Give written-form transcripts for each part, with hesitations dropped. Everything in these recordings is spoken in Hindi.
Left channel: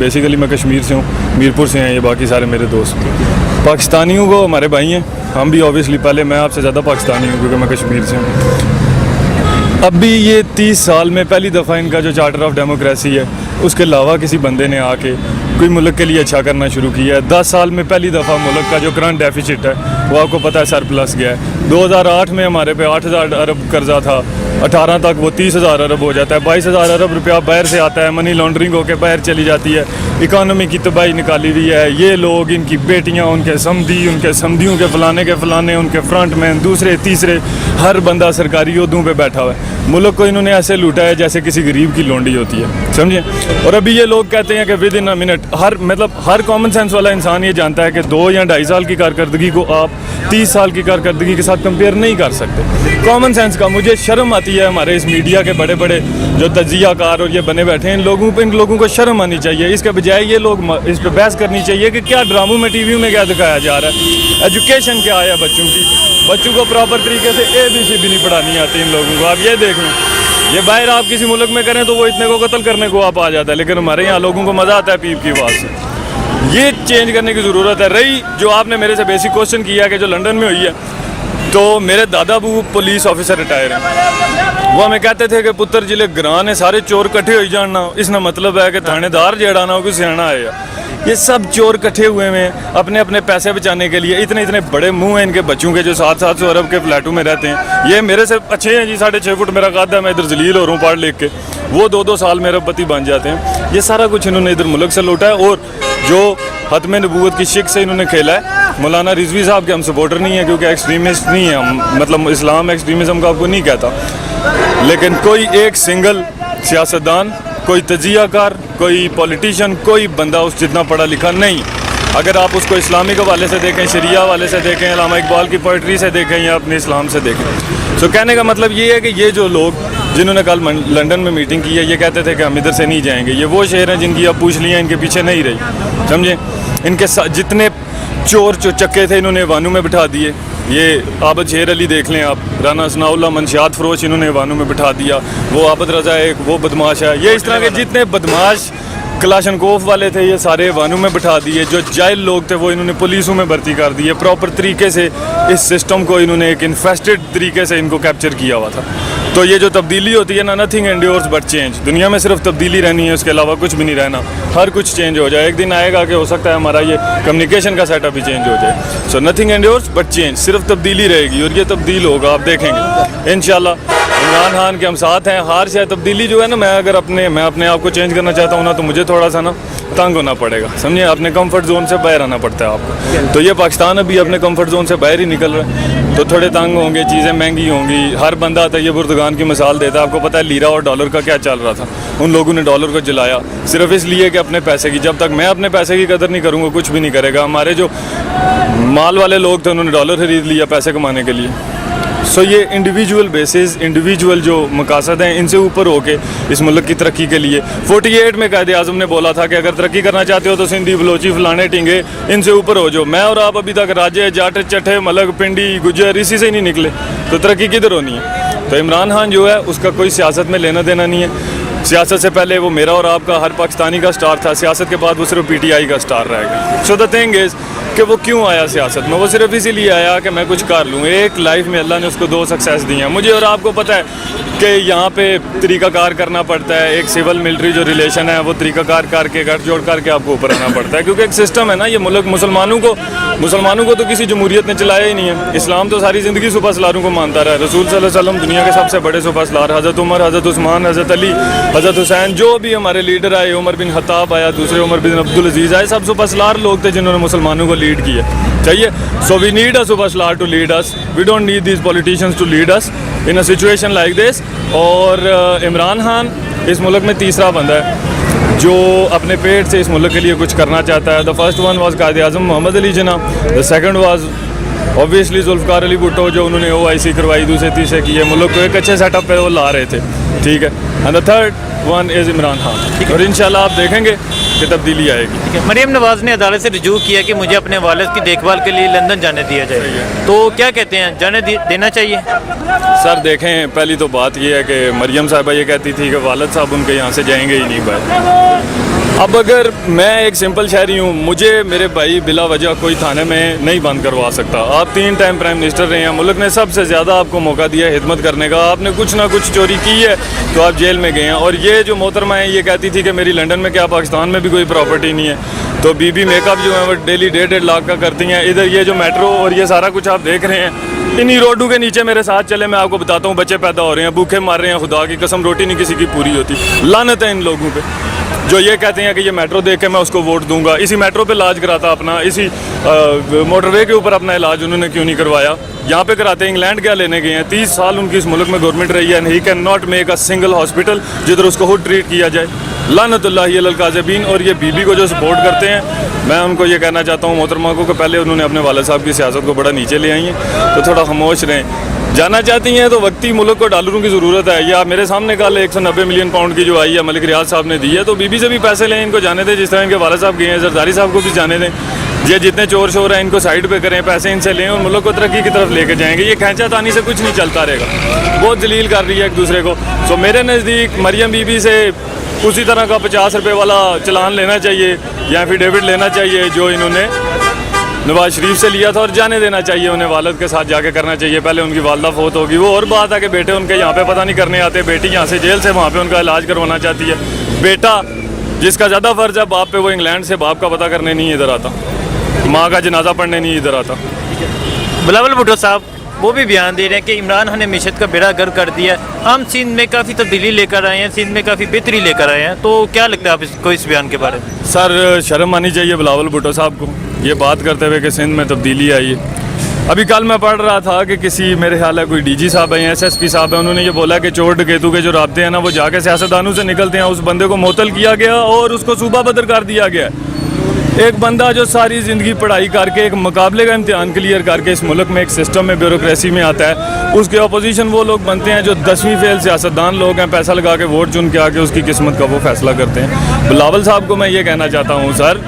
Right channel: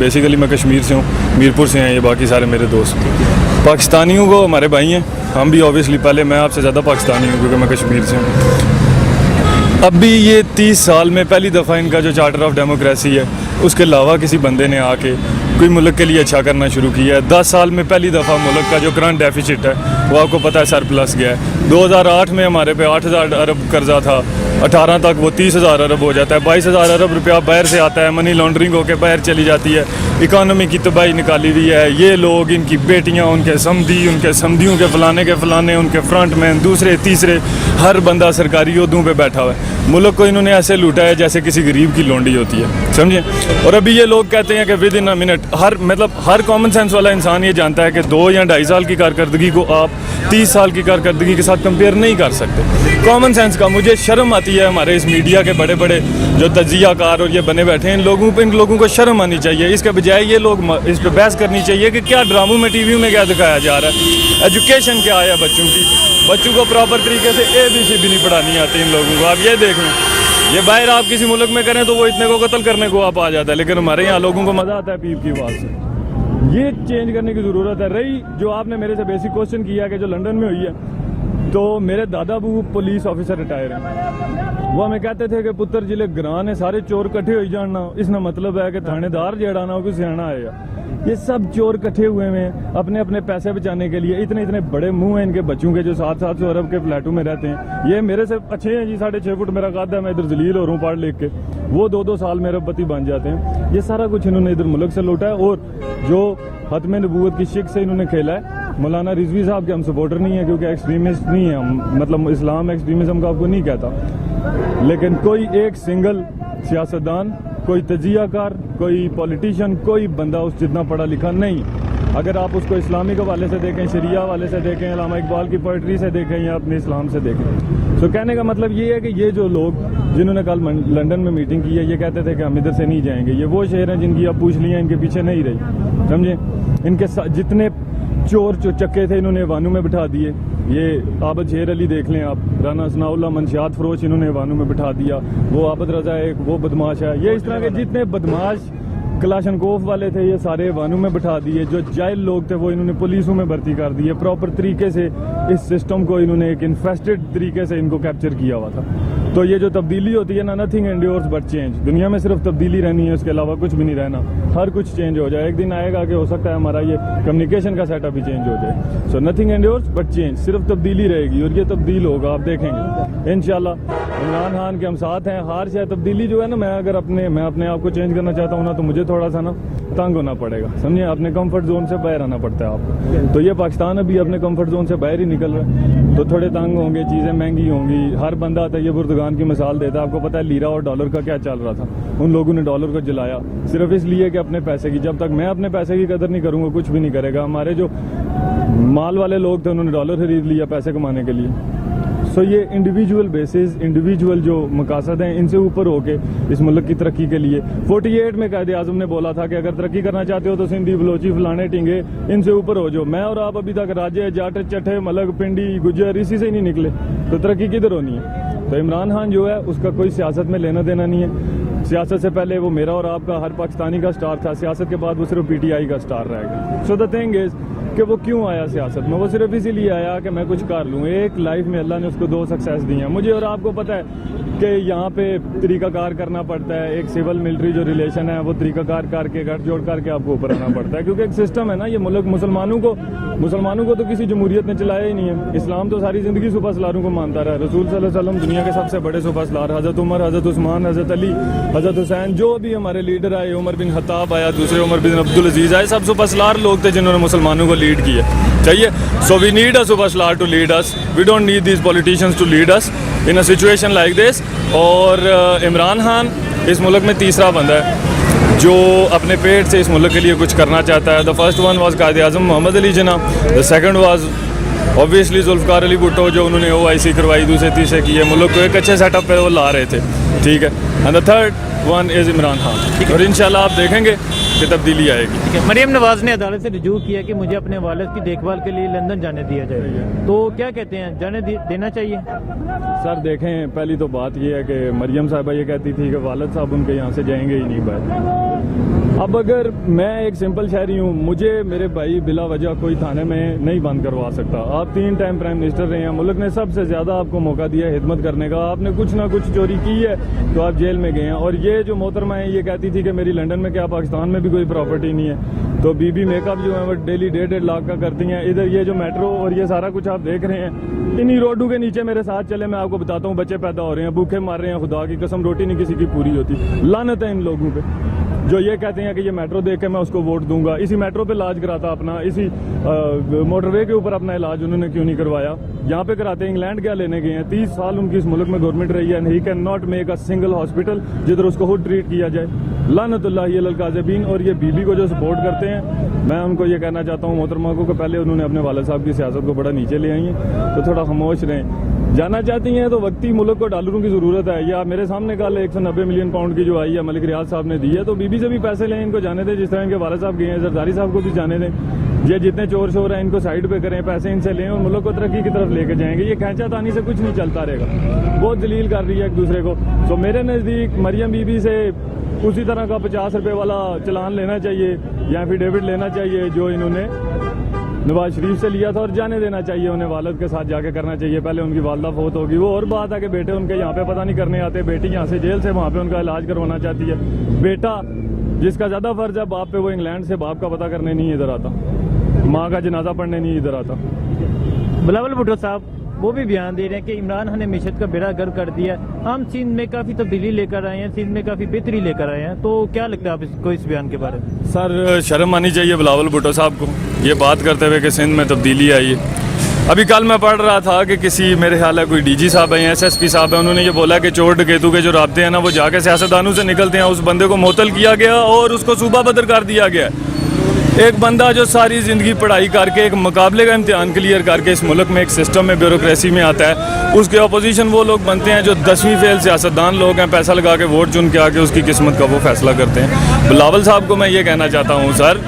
बेसिकली मैं कश्मीर से हूँ, मीरपुर से हैं ये बाकी सारे मेरे दोस्त। पाकिस्तानियों को हमारे भाई हैं, हम भी ऑब्वियसली, पहले मैं आपसे ज़्यादा पाकिस्तानी हूँ क्योंकि मैं कश्मीर से हूँ। अब भी ये 30 साल में पहली दफ़ा इनका जो चार्टर ऑफ डेमोक्रेसी है उसके अलावा किसी बंदे ने आके कोई मुल्क के लिए अच्छा करना शुरू किया है। 10 साल में पहली दफ़ा मुल्क का जो करंट डेफिसिट है वो आपको पता है सरप्लस गया है। 2008 में हमारे पे 8,000 अरब कर्जा था, 18 तक वो 30,000 अरब हो जाता है, 22,000 अरब रुपया बाहर से आता है, मनी लॉन्ड्रिंग होकर बाहर चली जाती है, इकानमी की तबाही निकाली हुई है। ये लोग, इनकी बेटियाँ, उनके समधी, उनके समधियों के फलाने, उनके फ्रंट मैन, दूसरे तीसरे, हर बंदा सरकारी ओहदों पे बैठा हुआ है। मुल्क को इन्होंने ऐसे लूटा है जैसे किसी गरीब की लोंडी होती है, समझे। और अभी ये लोग कहते हैं कि with in a minute, her common sense वाला इंसान ये जानता है कि 2 या 2.5 साल की कारकर्दगी को आप 30 साल की कारकर्दगी के साथ कंपेयर नहीं कर सकते। कॉमन सेंस का मुझे शर्म आती है, हमारे इस मीडिया के बड़े बड़े जो तजियाकार और ये बने बैठे हैं, इन लोगों को शर्म आनी चाहिए। इसके बजाय ये लोग इस पर बहस करनी चाहिए कि क्या ड्रामों में, टीवी में क्या दिखाया जा रहा है, एजुकेशन क्या है बच्चों की। बच्चों को प्रॉपर तरीके से ABC भी नहीं पढ़ानी आती इन लोगों को। आप ये देख लें, ये बाहर आप किसी मुल्क में करें तो वो इतने को कत्ल करने को आप आ जाता है, लेकिन हमारे यहाँ लोगों को मज़ा आता है पीप की आवाज़ से। ये चेंज करने की ज़रूरत है। रही जो आपने मेरे से बेसिक क्वेश्चन किया कि जो लंदन में हुई है, तो मेरे दादा बू पुलिस ऑफिसर रिटायर हैं। वो हमें कहते थे कि पुत्र जिले ग्रां ने सारे चोर कट्ठे हो जाना, इसका मतलब है कि थानेदार जेड़ा ना कोई सियाना आएगा। ये सब चोर इकट्ठे हुए हैं अपने अपने पैसे बचाने के लिए। इतने इतने बड़े मुंह हैं इनके बच्चों के जो 700 अरब के फ्लैटों में रहते हैं। ये मेरे से अच्छे हैं जी, 6.5 फुट मेरा कद है, मैं इधर जलील हो रहा हूँ पढ़ लिख के। वो 2-2 साल में अरबपति बन जाते हैं। ये सारा कुछ इन्होंने इधर मुल्क से लूटा है। और जो खत्म नबूवत की शिक से इन्होंने खेला है, मौलाना रिजवी साहब के हम सपोर्टर नहीं है क्योंकि एक्सट्रीमिस्ट नहीं है हम, मतलब इस्लाम एक्सट्रीमिज़म का आपको नहीं कहता, लेकिन कोई एक सिंगल सियासतदान, कोई तजियाकार, कोई पॉलिटिशियन, कोई बंदा उस जितना पढ़ा लिखा नहीं। अगर आप उसको इस्लामिक हवाले से देखें, शरिया हवाले से देखें, अल्लामा इकबाल की पोइट्री से देखें या अपने इस्लाम से देखें। तो कहने का मतलब ये है कि ये जो लोग जिन्होंने कल लंदन में मीटिंग की है, ये कहते थे कि हम इधर से नहीं जाएंगे। ये वो शहर हैं जिनकी आप पूछ लिया, इनके पीछे नहीं रही, समझे। इनके जितने चोर चक्के थे इन्होंने वानू में बिठा दिए। ये आबद शेर अली देख लें आप, राना सनाउल्लाह, मंशियात फरोश, इन्होंने वानू में बिठा दिया। वो आबद रजा एक वो बदमाश है। ये इस तरह के जितने बदमाश कलाशनकोफ वाले थे ये सारे वानू में बिठा दिए। जो जाहिल लोग थे वो इन्होंने पुलिसों में भर्ती कर दिए। प्रॉपर तरीके से इस सिस्टम को इन्होंने एक इन्फेस्टेड तरीके से इनको कैप्चर किया हुआ था। तो ये जो तब्दीली होती है ना, नथिंग एंड्योर्स बट चेंज। दुनिया में सिर्फ तब्दीली रहनी है, उसके अलावा कुछ भी नहीं रहना। हर कुछ चेंज हो जाए। एक दिन आएगा कि हो सकता है हमारा ये कम्युनिकेशन का सेटअप भी चेंज हो जाए। So nothing endures but change, सिर्फ तब्दीली रहेगी और ये तब्दील होगा, आप देखेंगे इंशाल्लाह। इमरान खान के हम साथ हैं। हार शायद तब्दीली जो है ना, मैं अपने आप को चेंज करना चाहता हूँ ना, तो मुझे थोड़ा सा ना तंग होना पड़ेगा, समझिए। अपने कंफर्ट जोन से बाहर आना पड़ता है आपको। तो ये पाकिस्तान अभी अपने कंफर्ट जोन से बाहर ही निकल रहा है, तो थोड़े तंग होंगे, चीज़ें महंगी होंगी। हर बंदा आता है, ये बुर्दगान की मिसाल देता है। आपको पता है लीरा और डॉलर का क्या चल रहा था। उन लोगों ने डॉलर को जलाया सिर्फ इसलिए कि अपने पैसे की। जब तक मैं अपने पैसे की कदर नहीं करूँगा कुछ भी नहीं करेगा। हमारे जो माल वाले लोग थे उन्होंने डॉलर खरीद लिया पैसे कमाने के लिए। सो ये इंडिविजुअल बेसिस, इंडिविजुअल जो मकासद हैं, इनसे ऊपर होके इस मुल्क की तरक्की के लिए 48 में कायदे आज़म ने बोला था कि अगर तरक्की करना चाहते हो तो सिंधी, बलोची, फलाने टिंगे, इनसे ऊपर हो जो। मैं और आप अभी तक राजे, जाट, चट्ठे, मलक, पिंडी, गुजर इसी से ही नहीं निकले, तो तरक्की किधर होनी है। तो इमरान खान जो है उसका कोई सियासत में लेना देना नहीं है। सियासत से पहले वो मेरा और आपका, हर पाकिस्तानी का स्टार था। सियासत के बाद वो सिर्फ PTI का स्टार रहेगा। सो द थिंग इज़ कि वो क्यों आया सियासत में, वो सिर्फ इसीलिए आया कि मैं कुछ कर लूँ। एक लाइफ में अल्लाह ने उसको 2 सक्सेस दी हैं। मुझे और आपको पता है कि यहाँ पे तरीक़ाकार करना पड़ता है। एक सिविल मिलिट्री जो रिलेशन है वो तरीक़ाकार करके, घर जोड़ करके आपको ऊपर आना पड़ता है, क्योंकि एक सिस्टम है ना। ये मुल्क मुसलमानों को तो किसी जमहूरियत ने चलाया ही नहीं है। इस्लाम तो सारी ज़िंदगी सुपर सलारों को मानता रहा है। रसूल सल्लल्लाहु अलैहि वसल्लम दुनिया के सबसे बड़े सुपर सलार, हज़रत उमर, हज़रत उस्मान, हज़रत अली, हज़रत हुसैन, जो भी हमारे लीडर आए, उमर बिन खत्ताब आया, दूसरे उमर बिन अब्दुल अजीज़ आए, सब सुपर सलार लोग थे जिन्होंने मुसलमानों को लीड किया। चाहिए। So we need a superstar to lead us, we don't need these politicians to lead us in a situation like this. और इमरान खान इस मुल्क में तीसरा बंदा है जो अपने पेट से इस मुल्क के लिए कुछ करना चाहता है। The first one was Quaid Azam Mohammad Ali Jinnah, the second was obviously Zulfikar Ali Bhutto जो उन्होंने OIC करवाई, दूसरे तीसरे किए, मुल्क को एक अच्छे सेटअप पे वो ला रहे थे, ठीक है। And the third one is Imran Khan. और इंशाल्लाह आप देखेंगे कि तब्दीली आएगी। ठीक है। मरियम नवाज़ ने अदालत से रुजू किया कि मुझे अपने वालिद की देखभाल के लिए लंदन जाने दिया जाए, तो क्या कहते हैं, जाने देना चाहिए? सर देखें, पहली तो बात ये है कि मरियम साहिबा ये कहती थी कि वालिद साहब उनके यहाँ से जाएंगे ही नहीं बाहर। अब अगर मैं एक सिंपल शहरी हूँ, मुझे मेरे भाई बिला वजह कोई थाने में नहीं बंद करवा सकता। आप 3 टाइम प्राइम मिनिस्टर रहे हैं, मुल्क ने सबसे ज़्यादा आपको मौका दिया है हिदमत करने का। आपने कुछ ना कुछ चोरी की है तो आप जेल में गए हैं। और ये जो मोहतरमा है ये कहती थी कि मेरी लंदन में क्या पाकिस्तान में भी कोई प्रॉपर्टी नहीं है। तो बीबी मेकअप जो है वो डेली 1.5 लाख का करती हैं। इधर ये जो मेट्रो और ये सारा कुछ आप देख रहे हैं, इन्हीं रोडों के नीचे मेरे साथ चले, मैं आपको बताता हूँ बच्चे पैदा हो रहे हैं, भूखे मार रहे हैं, खुदा की कसम रोटी नहीं किसी की पूरी होती। लानत है इन लोगों पे जो ये कहते हैं कि ये मेट्रो देख के मैं उसको वोट दूंगा। इसी मेट्रो पे इलाज कराता अपना, इसी मोटरवे के ऊपर अपना इलाज उन्होंने क्यों नहीं करवाया? यहाँ पे कराते। इंग्लैंड क्या लेने गए हैं? 30 साल उनकी इस मुल्क में गवर्नमेंट रही है, he can not make a single hospital जिधर उसको खुद ट्रीट किया जाए। लानतुल्लाहि अलल काज़िबीन। और ये बीबी को जो सपोर्ट करते हैं, मैं उनको ये कहना चाहता हूँ मोहतरमा को कि पहले उन्होंने अपने वाले साहब की सियासत को बड़ा नीचे ले आई हैं, तो थोड़ा खामोश रहें। जाना चाहती हैं तो वक्ती मुल्क को डॉलरों की ज़रूरत है। या मेरे सामने कल 190 मिलियन पाउंड की जो आई है मलिक रियाज साहब ने दी है, तो बीबी से भी पैसे लें, इनको जाने दें। जिस तरह इनके वाले साहब गए हैं, जरदारी साहब को भी जाने दें। ये जितने चोर शोर हैं इनको साइड पे करें, पैसे इनसे लें और मुल्क को तरक्की की तरफ लेके जाएंगे। ये खींचातानी से कुछ नहीं चलता रहेगा। बहुत जलील कर रही है एक दूसरे को। तो मेरे नज़दीक मरियम बीबी से उसी तरह का 50 रुपये वाला चलान लेना चाहिए या एफिडेविट लेना चाहिए जो इन्होंने नवाज शरीफ से लिया था, और जाने देना चाहिए उन्हें। वालिद के साथ जाके करना चाहिए। पहले उनकी वालदा फौत होगी, वो और बात है कि बेटे उनके यहाँ पे पता नहीं करने आते। बेटी यहाँ से जेल से वहाँ पे उनका इलाज करवाना चाहती है। बेटा जिसका ज़्यादा फ़र्ज है बाप पे, वो इंग्लैंड से बाप का पता करने नहीं इधर आता, माँ का जनाजा पढ़ने नहीं इधर आता। बिलावल भुट्टो साहब वो भी बयान दे रहे हैं कि इमरान खान ने मीशत का बेड़ा गर्क कर दिया। हम सिंध में काफ़ी तब्दीली लेकर आए हैं, सिंध में काफ़ी बेहतरी लेकर आए हैं। तो क्या लगता है आप इसको, इस बयान के बारे में? सर शर्म आनी चाहिए बिलावल भुट्टो साहब को ये बात करते हुए कि सिंध में तब्दीली आई है। अभी कल मैं पढ़ रहा था कि किसी, मेरे ख्याल है कोई डीजी साहब हैं, SSP साहब हैं, उन्होंने ये बोला कि चोर डकैतों के जो राब्ते हैं ना वो जाके सियासतदानों से निकलते हैं। उस बंदे को मुअत्तल किया गया और उसको सूबा बदर कर दिया गया। एक बंदा जो सारी ज़िंदगी पढ़ाई करके एक मुकाबले का इम्तिहान क्लियर करके इस मुल्क में एक सिस्टम में ब्यूरोक्रेसी में आता है, उसके अपोजिशन वो लोग बनते हैं जो 10वीं फेल सियासतदान लोग हैं, पैसा लगा के वोट चुन के आके उसकी किस्मत का वो फैसला करते हैं। बिलावल साहब को मैं ये कहना चाहता हूँ सर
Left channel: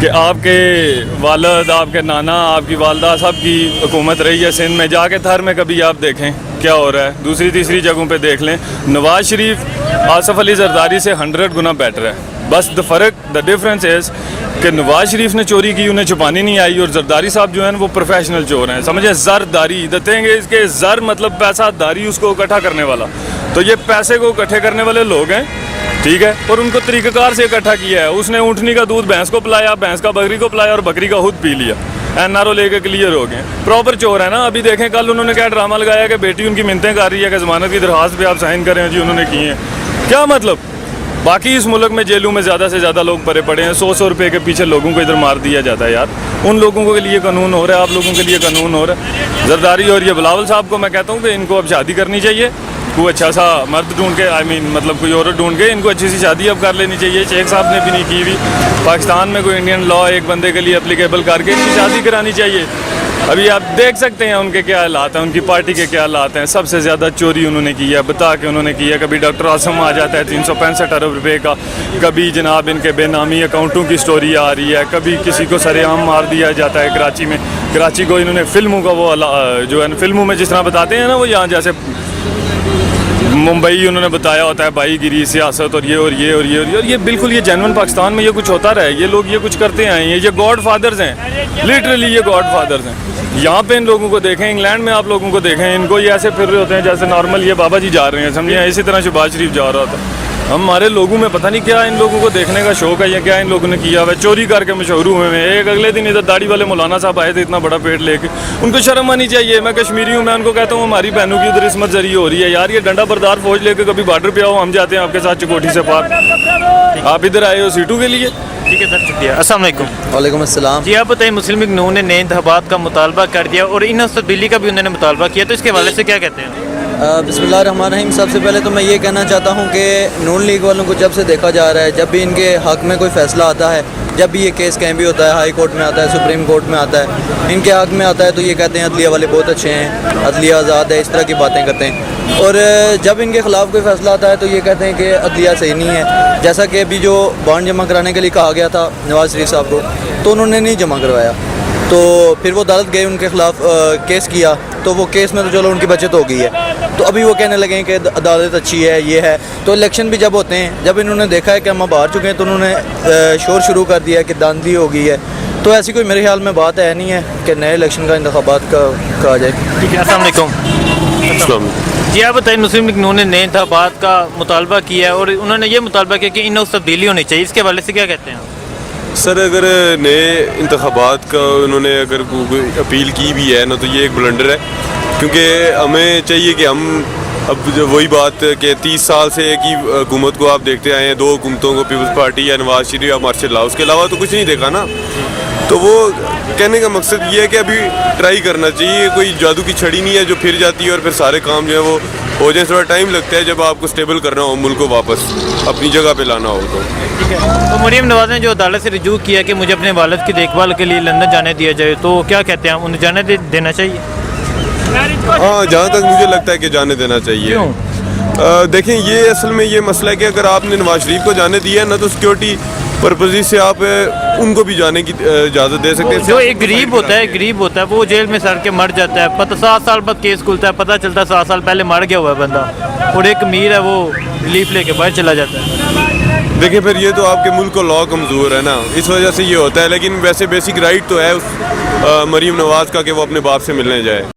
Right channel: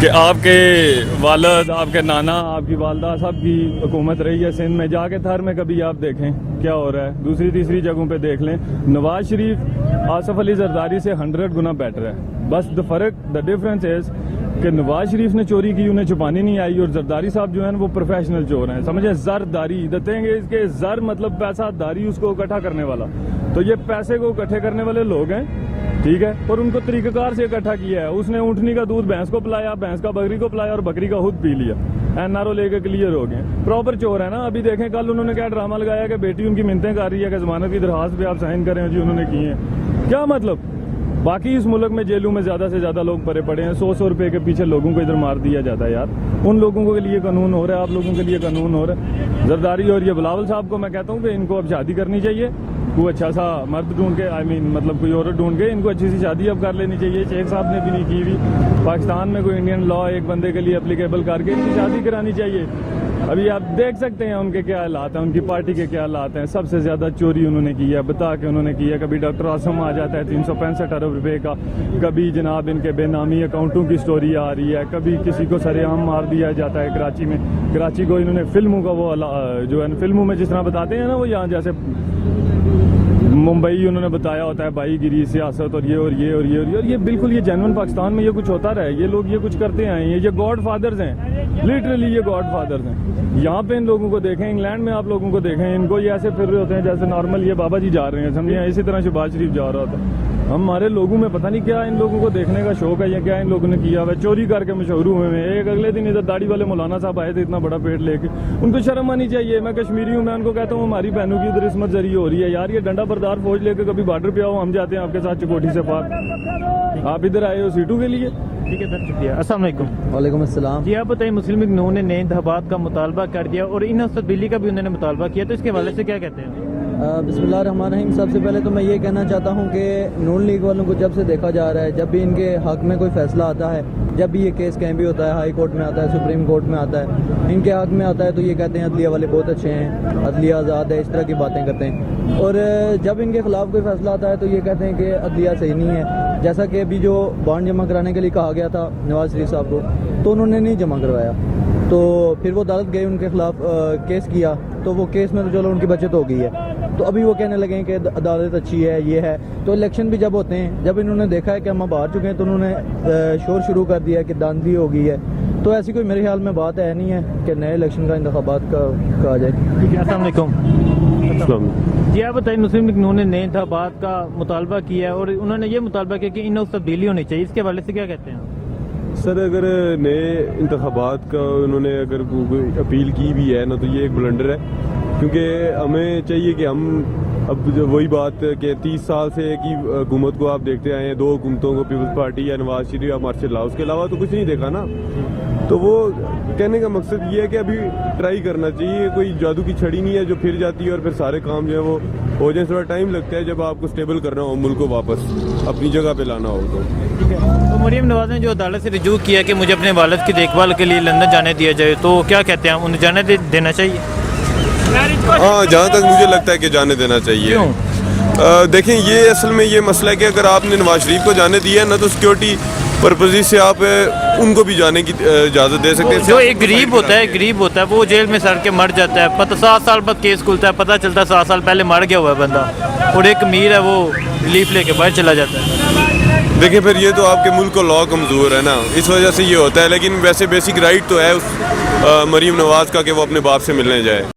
कि आपके वालिद, आपके नाना, आपकी वालदा सब की हुकूमत रही है सिंध में। जाके थर में कभी आप देखें क्या हो रहा है, दूसरी तीसरी जगहों पे देख लें। नवाज शरीफ आसफ अली जरदारी से 100 गुना बेटर है। बस द डिफरेंस इज़ कि नवाज शरीफ ने चोरी की, उन्हें छुपानी नहीं आई, और जरदारी साहब जो हैं वो प्रोफेशनल चोर हैं। समझे, जरदारी द थिंग इज़ के जर मतलब पैसा, दारी उसको इकट्ठा करने वाला। तो ये पैसे को इकट्ठे करने वाले लोग हैं, ठीक है, और उनको तरीक़ाकार से इकट्ठा किया है। उसने ऊँटनी का दूध भैंस को पिलाया, भैंस का बकरी को पिलाया और बकरी का खुद पी लिया। NRO लेके क्लियर हो गए, प्रॉपर चोर है ना। अभी देखें कल उन्होंने क्या ड्रामा लगाया कि बेटी उनकी मिन्नतें कर रही है कि ज़मानत की दरख्वास्त पे आप साइन करें जी, उन्होंने की है। क्या मतलब? बाकी इस मुल्क में जेलों में ज़्यादा से ज़्यादा लोग भरे पड़े हैं, 100 रुपये के पीछे लोगों को इधर मार दिया जाता है यार। उन लोगों के लिए कानून हो रहा है, आप लोगों के लिए कानून हो रहा है। जरदारी और ये बिलावल साहब को मैं कहता हूँ कि इनको अब शादी करनी चाहिए, कोई अच्छा सा मर्द ढूंढ के, मतलब कोई औरत ढूंढ के इनको अच्छी सी शादी अब कर लेनी चाहिए। शेख साहब ने भी नहीं की हुई। पाकिस्तान में कोई इंडियन लॉ एक बंदे के लिए एप्लीकेबल करके इनकी शादी करानी चाहिए। अभी आप देख सकते हैं उनके क्या हालात हैं, उनकी पार्टी के क्या हालात हैं। सबसे ज़्यादा चोरी उन्होंने की है, बता के उन्होंने की है। कभी डॉक्टर आसम आ जाता है 365 अरब रुपये का, कभी जनाब इनके बेनामी अकाउंटों की स्टोरी आ रही है, कभी किसी को सरेआम मार दिया जाता है कराची में। कराची को इन्होंने फिल्मों का वो जो है फिल्मों में जिस तरह बताते हैं ना, वो यहाँ जैसे मुंबई उन्होंने बताया होता है भाईगिरी, सियासत और ये और ये और ये और ये, और ये बिल्कुल ये जेन्युइन पाकिस्तान में ये कुछ होता रहा है। ये लोग ये कुछ करते आए हैं, ये गॉड फादर्स हैं, लिटरली ये गॉड फादर्स हैं। यहाँ पे इन लोगों को देखें, इंग्लैंड में आप लोगों को देखें, इनको ये ऐसे फिर रहे होते हैं जैसे नॉर्मल ये बाबा जी जा रहे हैं, समझिए। इसी तरह शहबाज शरीफ जा रहा था। हमारे लोगों में पता नहीं क्या इन लोगों को देखने का शौक है या क्या इन लोगों ने किया हुआ है। चोरी करके मशहूर हुए हैं। एक अगले दिन इधर दाढ़ी वाले मौलाना साहब आए थे इतना बड़ा पेट लेके, उनको शर्म आनी चाहिए। मैं कश्मीरी हूँ, मैं उनको कहता हूँ हमारी बहनों की उधर इसमत जरी हो रही है यार। ये डंडा बरदार फौज लेके कभी बॉर्डर पे आओ, हम जाते हैं आपके साथ चकोठी से पार। आप इधर आए हो सीटों के लिए। ठीक है सर, शुक्रिया। अस्सलाम वालेकुम। वालेकुम अस्सलाम। जी आप बताइए, मुस्लिम लीग नून ने नए इंतखाबात का मुतालबा कर दिया और इन तब्दीली का भी उन्होंने मुतालबा किया, तो इसके हवाले से क्या कहते हैं? बिस्मिल्लाहिर्रहमानिर्रहीम। सबसे पहले तो मैं ये कहना चाहता हूँ कि नून लीग वालों को जब से देखा जा रहा है, जब भी इनके हक़ में कोई फ़ैसला आता है, जब भी ये केस कहीं भी होता है, हाई कोर्ट में आता है, सुप्रीम कोर्ट में आता है, इनके हक़ में आता है, तो ये कहते हैं अदलिया वाले बहुत अच्छे हैं, अदलिया आज़ाद है, इस तरह की बातें करते हैं। और जब इनके ख़िलाफ़ कोई फ़ैसला आता है तो ये कहते हैं कि अदलिया सही नहीं है। जैसा कि अभी जो बॉन्ड जमा कराने के लिए कहा गया था नवाज़ शरीफ साहब को, तो उन्होंने नहीं जमा करवाया। तो फिर वो अदालत गए, उनके ख़िलाफ़ केस किया, तो वो केस में तो चलो उनकी बचत हो गई है। तो अभी वो कहने लगे हैं कि अदालत अच्छी है, ये है। तो इलेक्शन भी जब होते हैं, जब इन्होंने देखा है कि हम अब हार चुके हैं, तो उन्होंने शोर शुरू कर दिया है कि दांधली हो गई है। तो ऐसी कोई मेरे ख्याल में बात है नहीं है कि नए इलेक्शन का इंतखाबात का कहा जाए। ठीक है, अस्सलाम वालेकुम। जी आप बताइए, मुस्लिम लीग नून ने नए इंतखाबात का मुतालबा किया है और उन्होंने ये मुतालबा किया कि इन तब्दीली होनी चाहिए, इसके हवाले से क्या कहते हैं? सर, अगर नए इंतखाबात का उन्होंने अगर कोई अपील की भी है ना, तो ये एक ब्लंडर है, क्योंकि हमें चाहिए कि हम अब जो वही बात कि 30 साल से एक ही हुकूमत को आप देखते आए हैं, 2 हुकूमतों को, पीपल्स पार्टी या नवाज शरीफ या मार्शल लॉ, उसके अलावा तो कुछ नहीं देखा ना। तो वो कहने का मकसद ये है कि अभी ट्राई करना चाहिए, कोई जादू की छड़ी नहीं है जो फिर जाती है और फिर सारे काम जो है वो हो जाए। थोड़ा टाइम लगता है जब आपको स्टेबल करना हो, मुल्क को वापस अपनी जगह पे लाना हो। ठीक है, तो मरीम नवाज ने जो अदालत से रजू किया कि मुझे अपने वालिद की देखभाल के लिए लंदन जाने दिया जाए, तो क्या कहते हैं, उन्हें जाने देना चाहिए? हाँ, जहाँ तक मुझे लगता है कि जाने देना चाहिए। देखें, ये असल में ये मसला है कि अगर आपने नवाज शरीफ को जाने दिया है ना, तो सिक्योरिटी पर्पज़ से आप उनको भी जाने की इजाज़त दे सकते हैं। जो एक गरीब होता है वो जेल में सड़ के मर जाता है, पता 7 साल बाद केस खुलता है, पता चलता है 7 साल पहले मर गया हुआ है बंदा, और एक अमीर है वो रिलीफ लेके बाहर चला जाता है। देखिए, फिर ये तो आपके मुल्क को लॉ कमज़ोर है ना, इस वजह से ये होता है। लेकिन वैसे बेसिक राइट तो है उस मरीम नवाज़ का कि वो अपने बाप से मिलने जाए।